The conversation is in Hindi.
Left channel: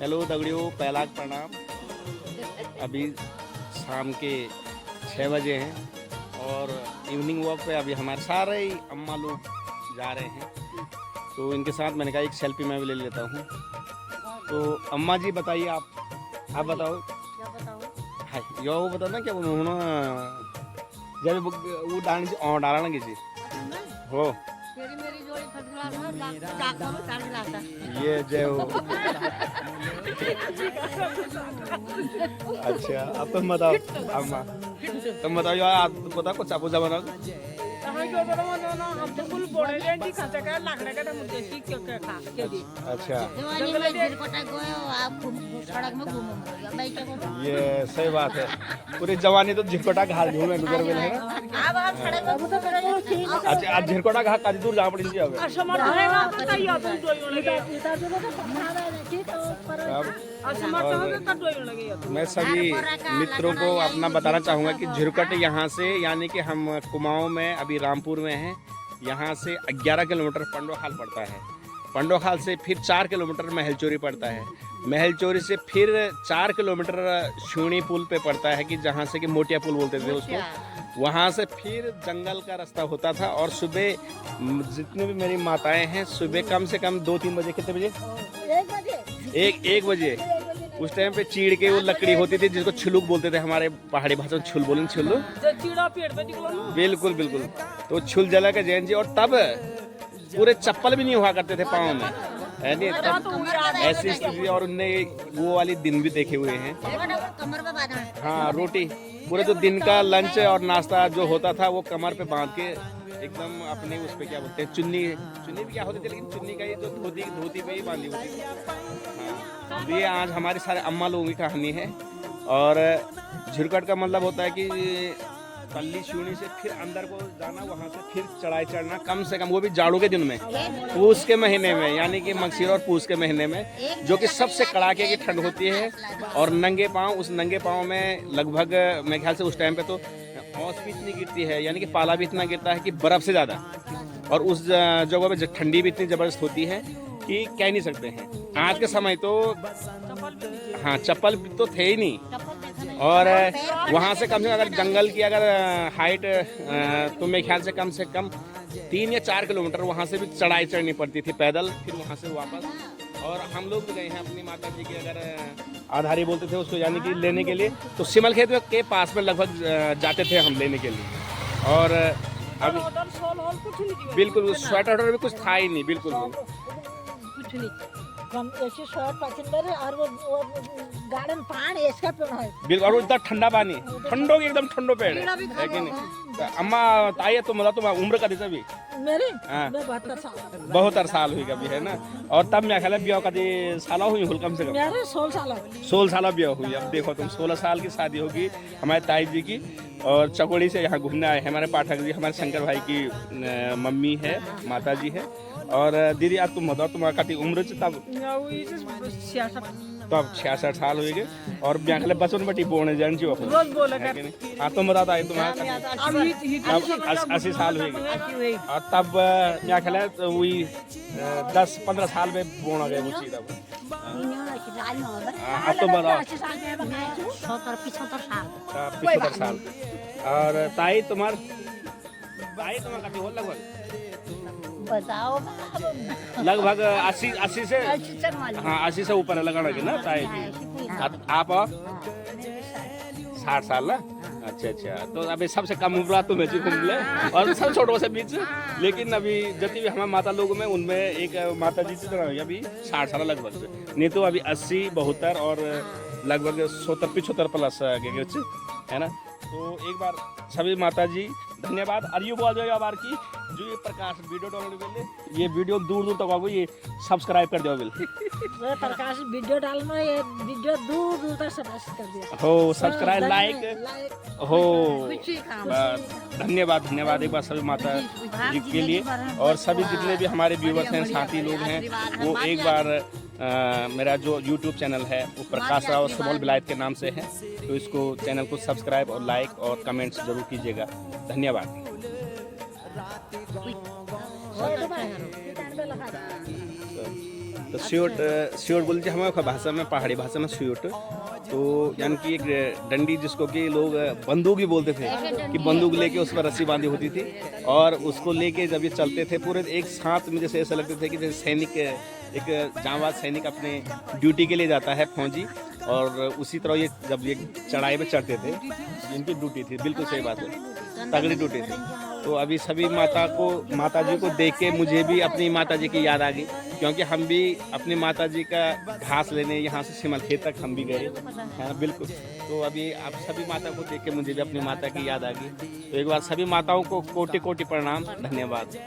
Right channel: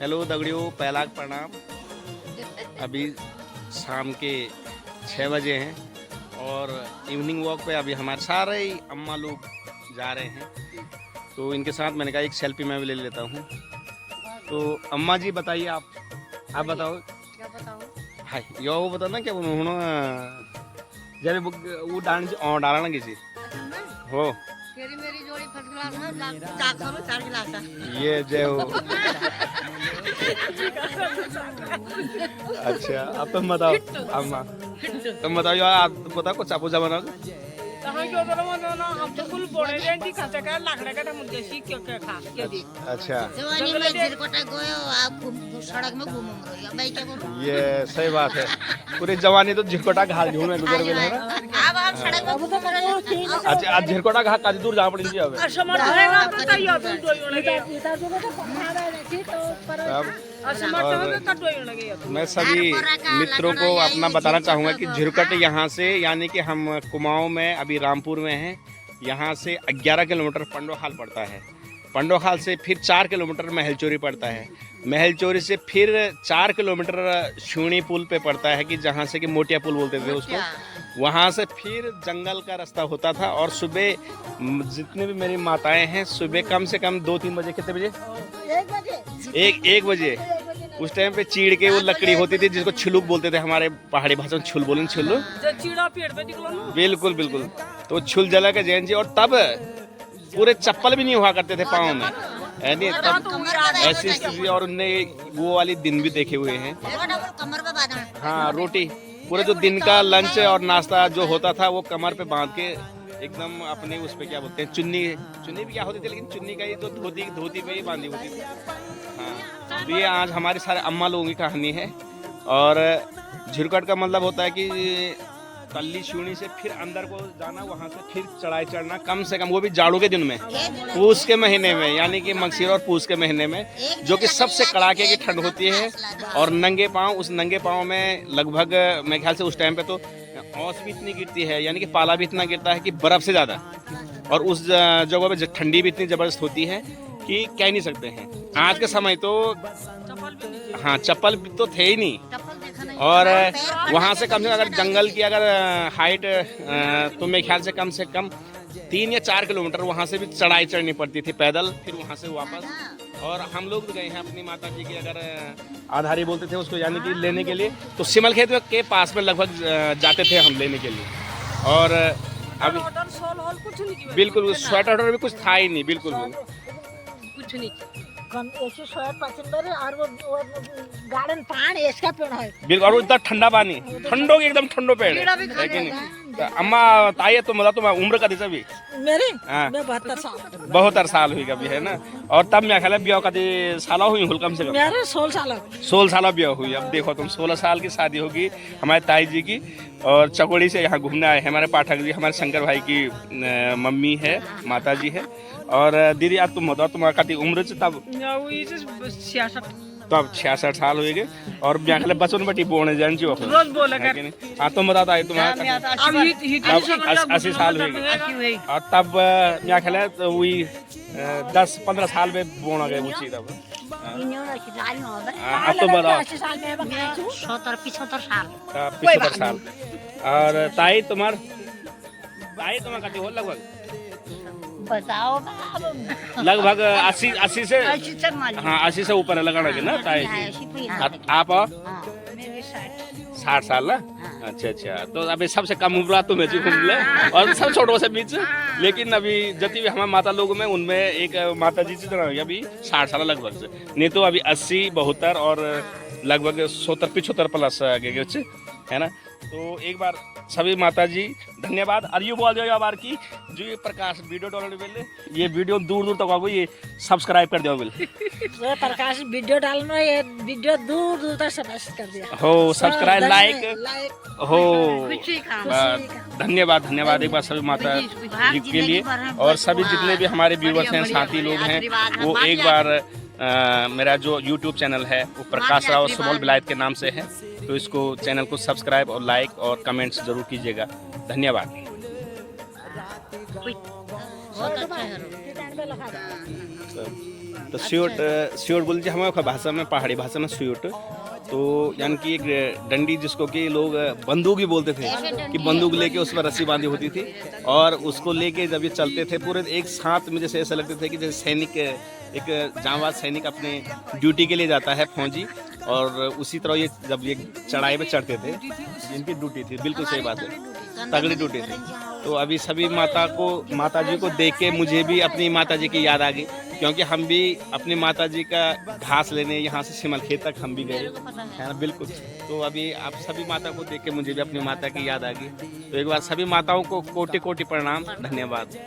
हेलो दगड़ियों, पहला प्रणाम। अभी शाम के 6 बजे हैं और इवनिंग वॉक पे अभी हमारे सारे ही अम्मा लोग जा रहे हैं, तो इनके साथ मैंने कहा एक सेल्फी मैं भी ले लेता हूँ। तो अम्मा जी बताइए, आप बताओ। क्या बताऊं? हाँ, यो वो बताओ ना क्या जब वो डालना किसी अच्छा मैं हो तेरी मेरी जोड़ी फर्स्ट क्लास है, डॉक्टर में 4 गिलास है। ये जय हो। अच्छा, अब तुम बताओ अम्मा, तुम बताओ यार, आप बताओ कुछ चापूचा बनाओ। तहां क्यों दोनों हम तो कुल बोले दें कि खाते का लाकड़ा का मुद्दे सी क्यों क्या खा के दी। अच्छा, जवानी में झिरकोटा गयो, आप सड़क में घूम रहे हो, मैं क्या बोलूं? ये सही बात है। पूरी जवानी तो झिरकोटा घाट घूमे गुजर गए है ना। अब आप सड़क में घूम रहे हो। अच्छा, अब झिरकोटा घाट काफी दूर जाना पड़ी अब। असमर्थ होएगा तो तैयार तुम दो ही लगे। असमर्थ होएगा तो दो ही लगे। मैं सभी मित्रों को अपना बताना चाहूँगा कि झिरकट यहाँ से, यानी कि हम कुमाऊं में अभी रामपुर में हैं, यहाँ से 11 किलोमीटर पंडोखाल पड़ता है। पंडोखाल से फिर 4 किलोमीटर महलचोरी पड़ता है। महलचोरी से फिर 4 किलोमीटर शूणी पुल पे पड़ता है, कि जहाँ से कि मोटिया पुल बोलते थे उसको। वहाँ से फिर जंगल का रास्ता होता था, और सुबह जितने भी मेरी माताएं हैं, सुबह कम से कम 2-3 बजे, कितने बजे? 1 बजे उस टाइम पे चीड़ के वो लकड़ी होती थी जिसको छिलुक बोलते थे, हमारे पहाड़ी भाषा में छुल बोलें, छुल। जो चीड़ा पेड़ पे निकलो ना। बिल्कुल बिल्कुल। तो छुल जला के जैन जी, और तब पूरे चप्पल भी नहीं हुआ करते थे पाँव में, है नहीं? तब ऐसी स्थिति, और उनने वो वाली दिन भी देखे हुए हैं। कमर पे बांधना। हाँ, रोटी पूरे जो दिन का लंच और नाश्ता जो होता था वो कमर पे बांध के एकदम अपने उस पे क्या बोलते हैं, चुन्नी भी क्या होती थी, लेकिन चुन्नी का ही तो धोती पे ही बांधी होती थी। हाँ, तो ये आज हमारे सारे अम्मा लोगों की कहानी है। और झिरकट का मतलब होता है कि तल्ली शूनी से फिर अंदर को जाना, वहाँ से फिर चढ़ाई चढ़ना, कम से कम वो भी जाड़ों के दिन में, पूस के महीने में, यानी कि मगसीर और पूस के महीने में, जो कि सबसे कड़ाके की ठंड होती है। और नंगे पाँव, उस नंगे पाँव में लगभग मेरे ख्याल से उस टाइम पे तो औस भी इतनी गिरती है, यानी कि पाला भी इतना गिरता है कि बर्फ से ज़्यादा। और उस जगह पे ठंडी भी इतनी ज़बरदस्त होती है कि कह नहीं सकते हैं। आज के समय तो हाँ, चप्पल तो थे ही नहीं। और वहाँ से कम से कम अगर जंगल की अगर हाइट तो मेरे ख्याल से कम 3 या 4 किलोमीटर वहाँ से भी चढ़ाई चढ़नी पड़ती थी पैदल, फिर वहाँ से वापस। और हम लोग भी गए हैं अपनी माता जी की, अगर आधारी बोलते थे उसको, यानी कि लेने के लिए, तो सिमल खेत के पास में लगभग जाते थे हम लेने के लिए। और अब बिल्कुल स्वेटर भी कुछ था ही नहीं, बिल्कुल कुछ नहीं। हम ऐसे शहर पसंद है, और वो गार्डन पानी इसका पेड़ है बिल्कुल। और इतना ठंडा पानी, ठंडो की एकदम ठंडो पेड़ है, लेकिन अम्मा ताई तुम बताओ, तुम्हारी उम्र का दिशा भी मेरी? हाँ। मैं 72 साल 72 साल हुई कभी, है ना? और तब मैं ख्याल ब्याह का साल हुई हुल कम से कम मेरे 16 साल 16 साल ब्याह हुई। अब देखो तुम, 16 साल की शादी होगी हमारे ताई जी की, और चकोड़ी से यहाँ घूमने आए हैं हमारे पाठक जी, हमारे शंकर भाई की मम्मी है, माता जी है। और दीदी आज तुम बताओ, तुम्हारा कति उम्र से तब? 66 साल हुए गए। और ब्याह बचपन बटी बोने जान जो रोज बोले कर। हाँ, तुम बताता है तुम्हारा 80 साल हुए गए। और तब क्या ख्याल है, तो वही 10-15 साल में बोना गए उसी तब। अब तो बताओ 75 साल। 75 साल। और ताई तुम्हार कति हो लगभग? बताओ लगभग 80 से, मान हाँ 80 से ऊपर लगाना के ना ताई जी। आप 60 साल ना? अच्छा अच्छा। तो अभी सबसे कम उम्र तो मैं घूम ले, और सब छोटों से बीच। लेकिन अभी जति भी हमारे माता लोग में, उनमें एक माता जी से अभी 60 साल लगभग से, नहीं तो अभी 80, 72 और लगभग 70-75 प्लस आगे है ना। तो एक बार सभी माता जी धन्यवाद। और यू बोल जाओ बार की जो ये प्रकाश वीडियो डालने वाले, ये वीडियो दूर दूर तक आपको ये सब्सक्राइब कर दो बिल। जो प्रकाश वीडियो डालना, ये वीडियो दूर दूर तक सब्सक्राइब कर दिया हो, सब्सक्राइब लाइक हो। धन्यवाद एक बार सभी माता जी के लिए। और सभी जितने भी हमारे व्यूवर्स हैं, साथी लोग हैं, वो एक बार मेरा जो YouTube चैनल है वो प्रकाश राव सुबोल विलायत के नाम से है, तो इसको चैनल को सब्सक्राइब और लाइक और कमेंट्स जरूर कीजिएगा। धन्यवाद। आपल्याला खायला. तो स्यूट बोलते हैं हमारे भाषा में, पहाड़ी भाषा में स्यूट, तो यानी कि एक डंडी जिसको कि लोग बंदूक ही बोलते थे, कि बंदूक लेके उस पर रस्सी बांधी होती थी और उसको लेके जब ये चलते थे पूरे एक साथ में, जैसे ऐसा लगते थे कि जैसे सैनिक, एक जांबाज सैनिक अपने ड्यूटी के लिए जाता है फौजी, और उसी तरह ये जब ये चढ़ाई पे चढ़ते थे, इनकी ड्यूटी थी, बिल्कुल सही बात है, तगड़ी ड्यूटी थी। तो अभी सभी माता जी को देख के मुझे भी अपनी माता जी की याद आ गई, क्योंकि हम भी अपनी माता जी का घास लेने यहाँ से सिमलखेत तक हम भी गए है ना, बिल्कुल। तो अभी आप सभी माता को देख के मुझे भी अपनी माता की याद आ गई। तो एक बार सभी माताओं को कोटि कोटि प्रणाम, धन्यवाद।